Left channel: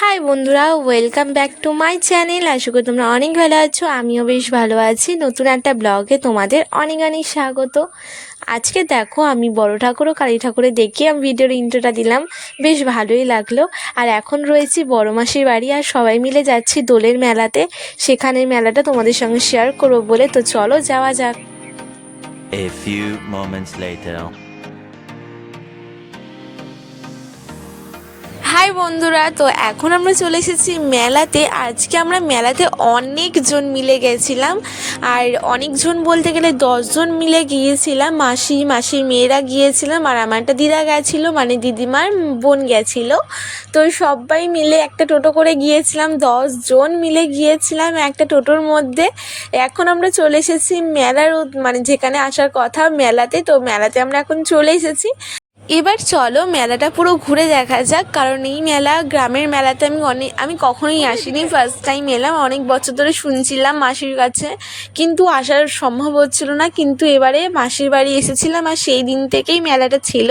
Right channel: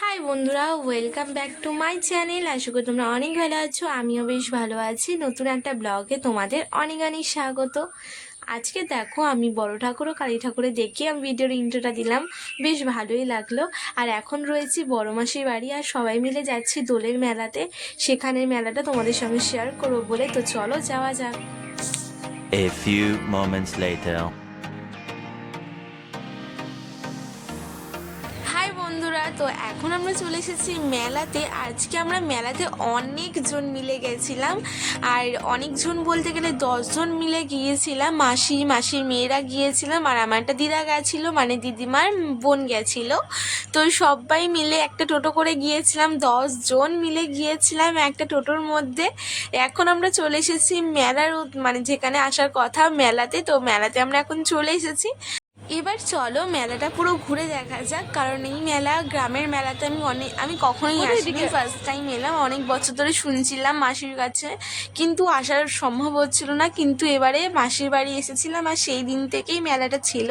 High বন্ধুরা, welcome back to my channel. আশা করি তোমরা অনেক ভালো আছো, আমিও বেশ ভালো আছি। নতুন একটা ব্লগে তোমাদের অনেক অনেক স্বাগত। আজকে দেখো, আমি বড় ঠাকুর ও কালী ঠাকুরের দেখে আমি ভিডিওর ইন্ট্রোটা দিলাম, বেশ ভালোই লাগলো। আর এখন রয়েছি বড় মাসির বাড়ি, আর সবাই মিলে যাচ্ছি দোলের মেলাতে। সেখানের মেলাটা তোমাদের সঙ্গে শেয়ার করবো বলে, তো চলো যাওয়া যাক। A few moments later. Hi বন্ধুরা, তো এখন আমরা চলে এসেছি মেলাতে। আজকে আমরা মেলাতে অনেকজন মিলে গেছিলাম, আর অনেকজন বলতে গেলে 10 জন মিলে গিয়েছিলাম। মাসির মেয়েরা গিয়েছিলাম, আর আমার একটা দিদা গেছিলো, মানে দিদিমার বোন গেছিলো। তো সবাই মিলে একটা টোটো করে গিয়েছিলাম, 10 জন মিলে গিয়েছিলাম একটা টোটোর মধ্যে। এখন আমরা চলে এসেছি মেলার, মানে যেখানে আসার কথা মেলাতে। তো মেলাতে আমরা এখন চলে এসেছি। এবার চলো মেলাটা পুরো ঘুরে দেখা যাক, কারণ এই মেলা, গ্রামের মেলাতে আমি কখনোই আসিনি, ফার্স্ট টাইম এলাম। অনেক বছর ধরে শুনছিলাম মাসির কাছে, কিন্তু আসার সম্ভব হচ্ছিল না। কিন্তু এবারে মাসির বাড়ি এসেছিলাম, আর সেই দিন থেকেই মেলাটা ছিল,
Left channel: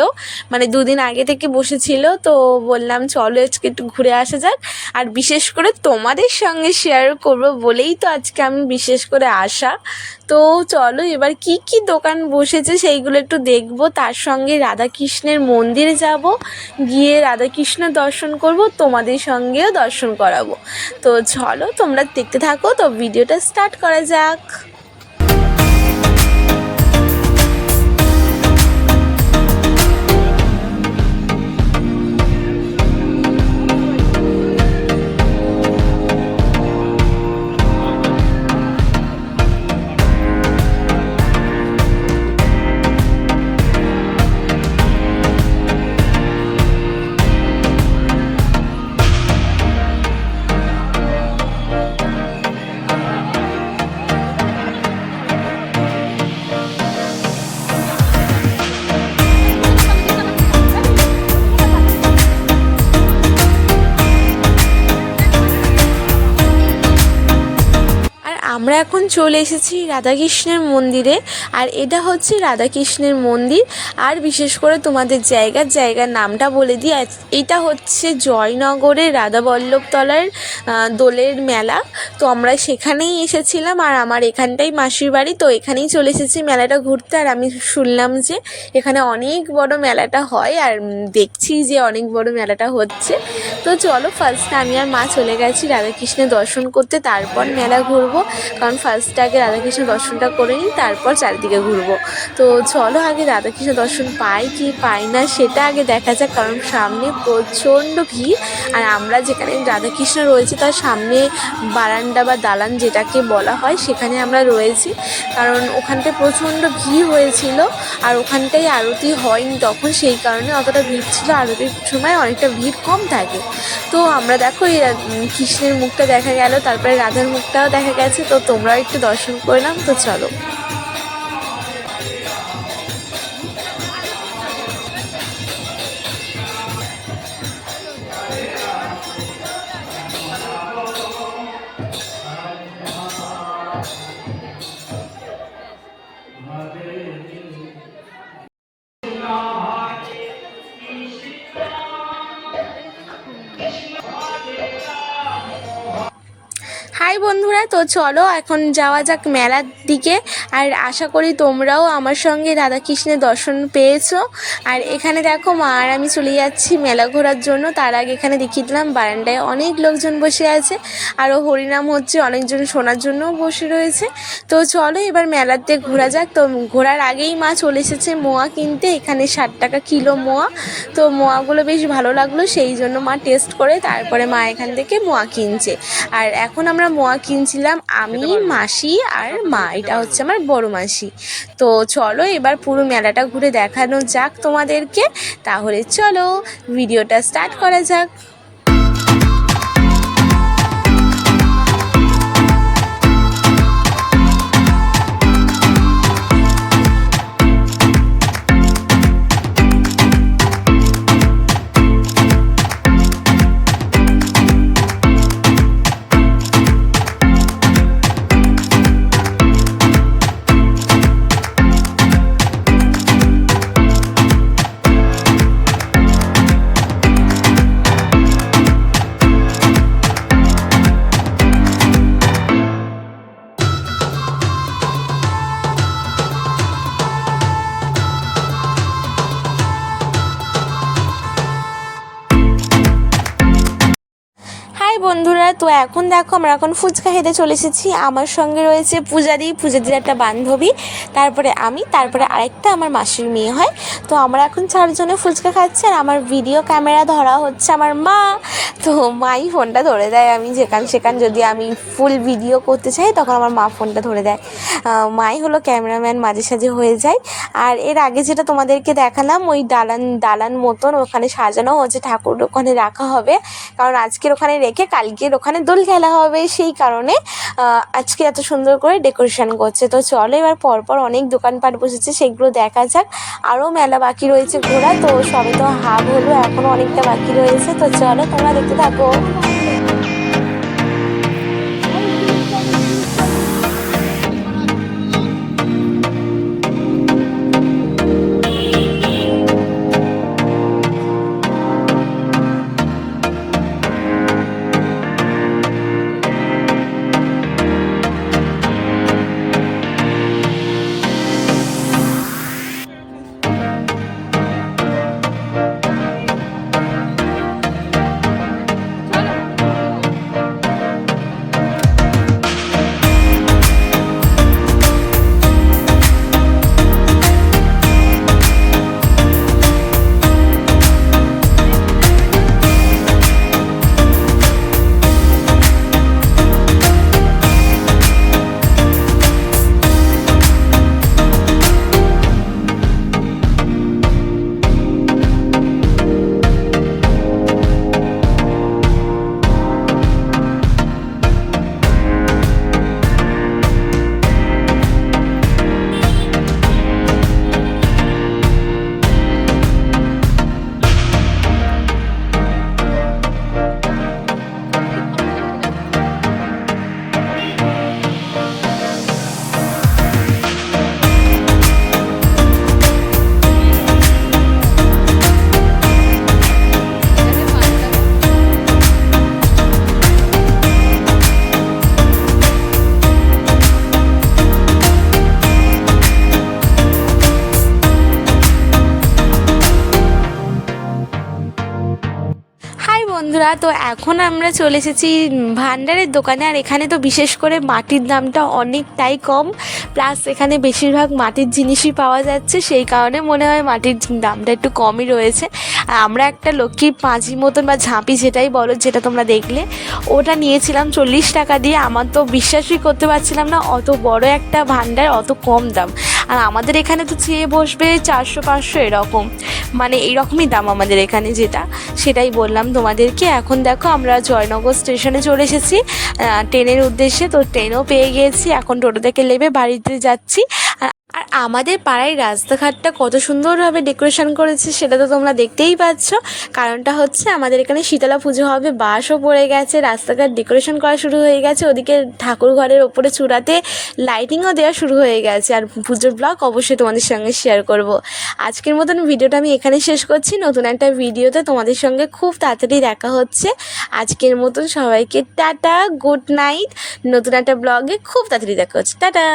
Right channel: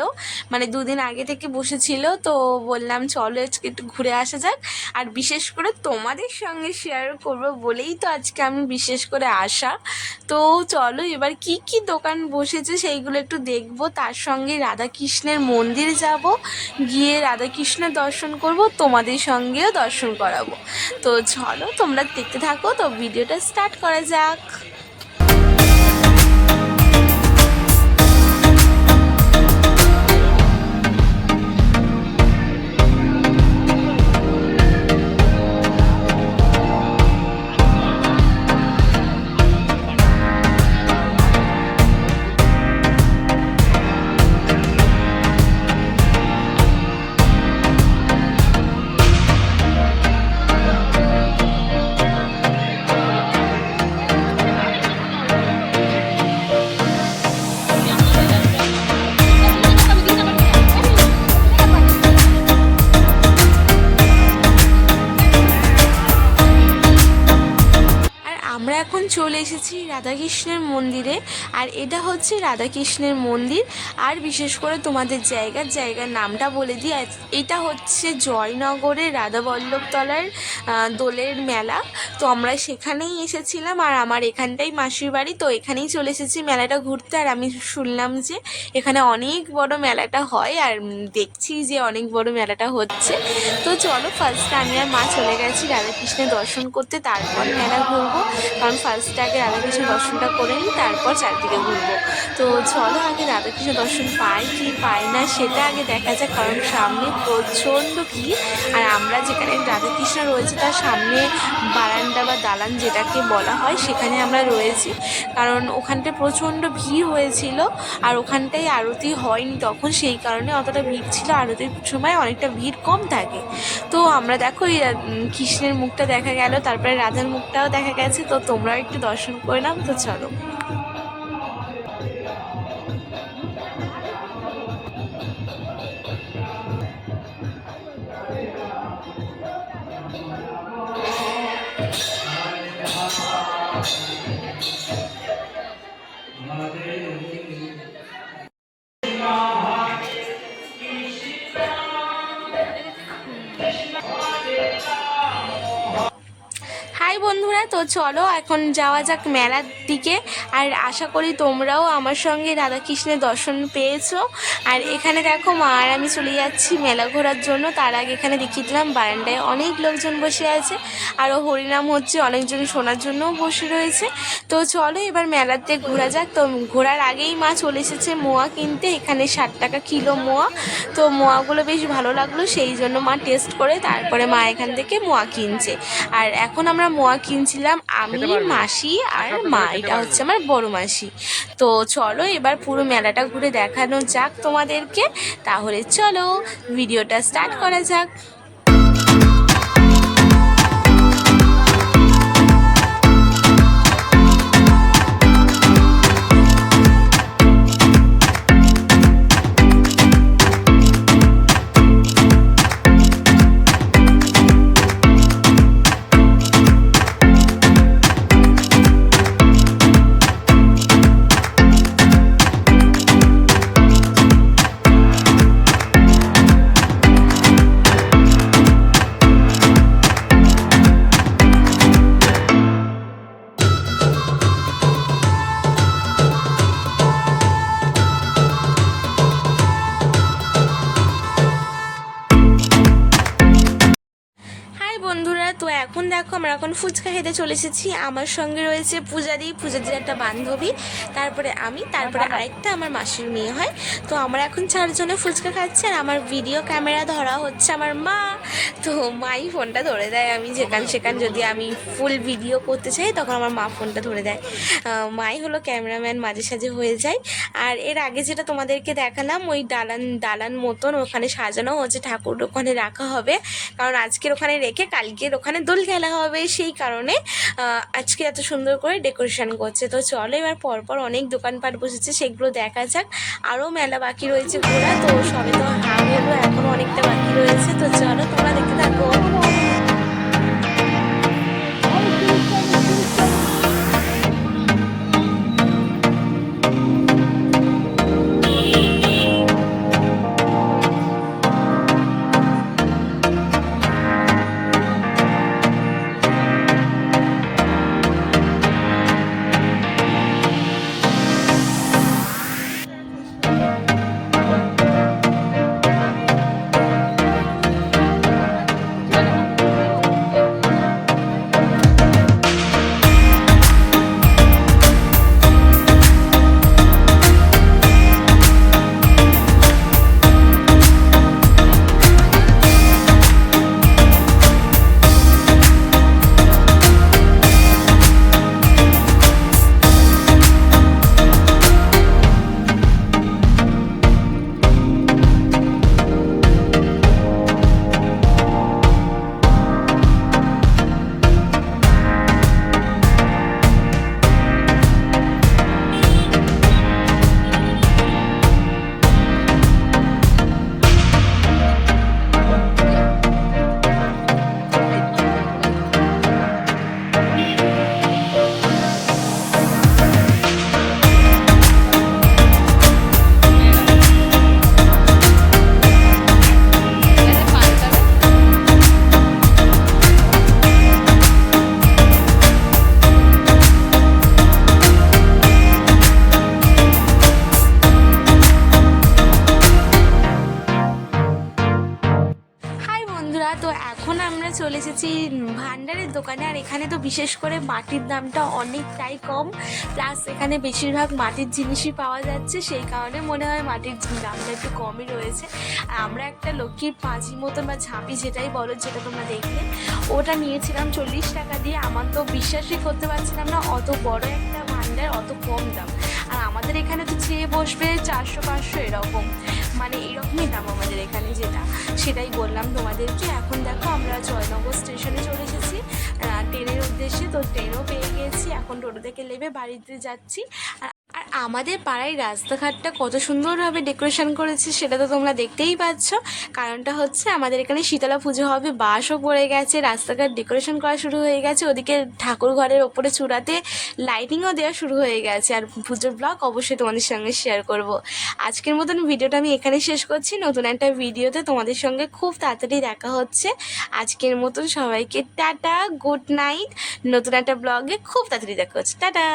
মানে 2 দিন আগে থেকে বসেছিল। তো বললাম চলো আজকে একটু ঘুরে আসা যাক, আর বিশেষ করে তোমাদের সঙ্গে শেয়ার করব বলেই তো আজকে আমি বিশেষ করে আসা। তো চলো এবার কি কি দোকান বসেছে সেইগুলো একটু দেখবো, তার সঙ্গে রাধাকৃষ্ণের মন্দিরে যাব, গিয়ে রাধাকৃষ্ণের দর্শন করব, তোমাদের সঙ্গেও দর্শন করাবো। তো চলো তোমরা দেখতে থাকো, তো ভিডিওটা স্টার্ট করা যাক। আমরা এখন চলে এসেছি রাধাকৃষ্ণের মন্দিরে, আর এটা হচ্ছে রাধাকৃষ্ণের মন্দির। আর বিশেষ করে তোমাদের জায়গার নামটা বলে দিই, এটা হচ্ছে জয়নগরের রাধাবল্লভতলার দোলের মেলা। তো আমরা সেখানেই এসেছিলাম, আর আমার এখানটাই মাসির বাড়ি, তো এখানেই চলে এসেছি মেলাটা ঘুরতে। আর আমি শুনলাম যে এখানে অনেক বড় মেলাটা হয়, আর দেখছি যে অনেক বড় মেলাটা হচ্ছে। তো চলো, ফার্স্টে আমি আর মা চলে গেছি রাধাকৃষ্ণের দর্শন করতে, তারপর মেলা ঘুরবো। কারণ ফার্স্টে আগে রাধাকৃষ্ণ দর্শনটা করে নিই, তারপর চারিদিকে ঘুরবো। তো চলো আগে রাধাকৃষ্ণ দর্শন পাই কি পাই না সেটা আগে দেখা যাক, কারণ সামনে প্রচণ্ড ভিড়। আর আমরা যেখানে রাধাকৃষ্ণ রয়েছে তার সামনে বারান্দা বা দালান যেটাকে বলা হয়, সেখানে আমরা রয়েছি। কারণ ওখানটায় প্রচণ্ড ভিড় হয়েছিল, আর ওখানটায় আরতি হয়নি তখন, সেই কারণে অতটা ভিড় ছিল। আরতির সময় অনেকটা ভিড় কম থাকে। তো আমরা দেখো এই কৃষ্ণের মুখটা দেখা গেল, তারপরে রাধার মুখটাও দেখা গেছে। তো তোমরাও একটু দর্শন করে নাও, তো চলো। হাই হাই বন্ধুরা, তো চলো এখন যাওয়া যাক মেলার দিকে। আর আশা করি তোমরাও আমার সঙ্গে রাধাকৃষ্ণের দর্শন পেয়েছো। আর এখানে দেখো মা আর আমি চলে যাচ্ছি মেলা ঘোরার জন্য। তার আগে এখানে দেখিয়ে দিলাম বারান্দায় অনেক লোকজন বসে আছে, আরও হরিনাম হচ্ছে, অনেকজন শোনার জন্যও বসে রয়েছে। তো চলো এবার মেলাতে ঘোরা যাক। তো ঘোরার আগেই মা চলে এসেছে মোয়া কিনতে। এখানে 60 টাকা কিলো মোয়া। তো মোয়াগুলো বেশ ভালো লাগলো, সেই জন্য মা টেস্ট করে তারপরে মা এখান থেকে মোয়া কিনছে। আর এখন আমরা মোয়া কিনছিলাম আমি, মাসি আর মা। এটা হচ্ছে আমার বড় মাসি। তো চলো এবার পুরো মেলাটা ঘুরে দেখানো যাক তোমাদেরকে। তাহলে চলো ভিডিওটা স্টার্ট করা যাক। হাই বন্ধুরা, তো এখন দেখো আমরা এখন ফুচকা খেতে চলে এসেছি। আমার সঙ্গে রয়েছে পূজাদির একটা বান্ধবী, তারপরে আমি, তারপরে আরেকটা আমার মাসির মেয়ে হয়। তো আমরা এখন 4 জনে ফুচকা খাচ্ছি। আর আমার ভিডিও ক্যামেরা ধরা হচ্ছে আমার মা। তো মাই ফোনটা ধরে দেয়, আমি সেখান যদি আমি ফুল ভিডিও করতে চাই তখন আমার মা ফোনটা ধরে দেয়। মাই হলো ক্যামেরাম্যান, মাঝে সাঝে হয়ে যায়। আর এর আগে যেটা তোমাদেরকে দেখালাম, ওই দালান মতন ওখানে সাজানো হচ্ছে, ঠাকুর ওখানে রাখা হবে। কারণ আজকের ওখানে রেখে কালকের ওখানে দোল খেলা হবে, সেই কারণে আজকে এত সুন্দর করে ডেকোরেশন করছে। তো চলো এবার পরপর অনেক দোকানপাট বসেছে, সেগুলো দেখা যাক। আরও মেলা বাকি রয়েছে ঘোরা। তো সবে তো হাফ হলো, এখনও অনেকটা বাকি রয়েছে। তো চলো তোমরা দেখতে থাকো। বন্ধুরা, তো এখন আমরা চলে এসেছি ভান্ডারের দোকানে। আর এখানে তো বিশেষ করে মাটির দামটা অনেকটাই কম, প্লাস এখানে বেশিরভাগ মাটির জিনিসই পাওয়া যাচ্ছে, সেই কারণে মনে হয় মাটির দামটা একটু কমই রয়েছে। আর আমরা একটা লক্ষ্মীর পাঁজি মতন বা ঝাঁপি যেটাই বলো, যেটা তোমরা দেখলে, ওটা নিয়েছিলাম 40 টাকা দিয়ে। আমার তো বিশ্বাসই করতে পারছিলাম না, অত বড় একটা ভান্ডার, অত কম দাম। আর আমাদের এখানে তো চেয়ে বসবে 400-500 এরকম, মানে এইরকমই দাম আমাদের এখানে, যেটা সেটাই বললাম তোমাদেরকে। এখন দেখো আমরা জয়নগর স্টেশনে চলে এসেছি ট্রেনের উদ্দেশ্যে। তো ট্রেনও পেয়ে গিয়েছি, এখন টোটো থেকে নেমে বাড়িতে যাচ্ছি। আর আমাদের পাড়ায় রাস্তাঘাটটা কত সুন্দরভাবে ডেকোরেশন করেছে সেটা তো তোমরা দেখতেই পাচ্ছ। কারণটা হচ্ছে আমাদের এখানে শীতলা পুজো হবে, বাসও পড়ে গেছে, রাস্তাঘাট ডেকোরেশন করা শুরু হয়ে গেছে, ওদিকে ঠাকুর ঘরের ওপরে চূড়াতে লাইটিংও দেওয়া শুরু হয়ে গেছে। আর পুজোর ব্লগ অবশ্যই তোমাদের সঙ্গে শেয়ার করব। আজকের মতন ভিডিওটা আমি এখানে শেষ করছি। নতুন একটা ভিডিওতে তোমাদের সঙ্গে খুব তাড়াতাড়ি দেখা হচ্ছে। আজকের মতন সবাইকে টাটা, গুড নাইট। নতুন একটা ব্লগে খুব তাড়াতাড়ি দেখা হচ্ছে। টাটা।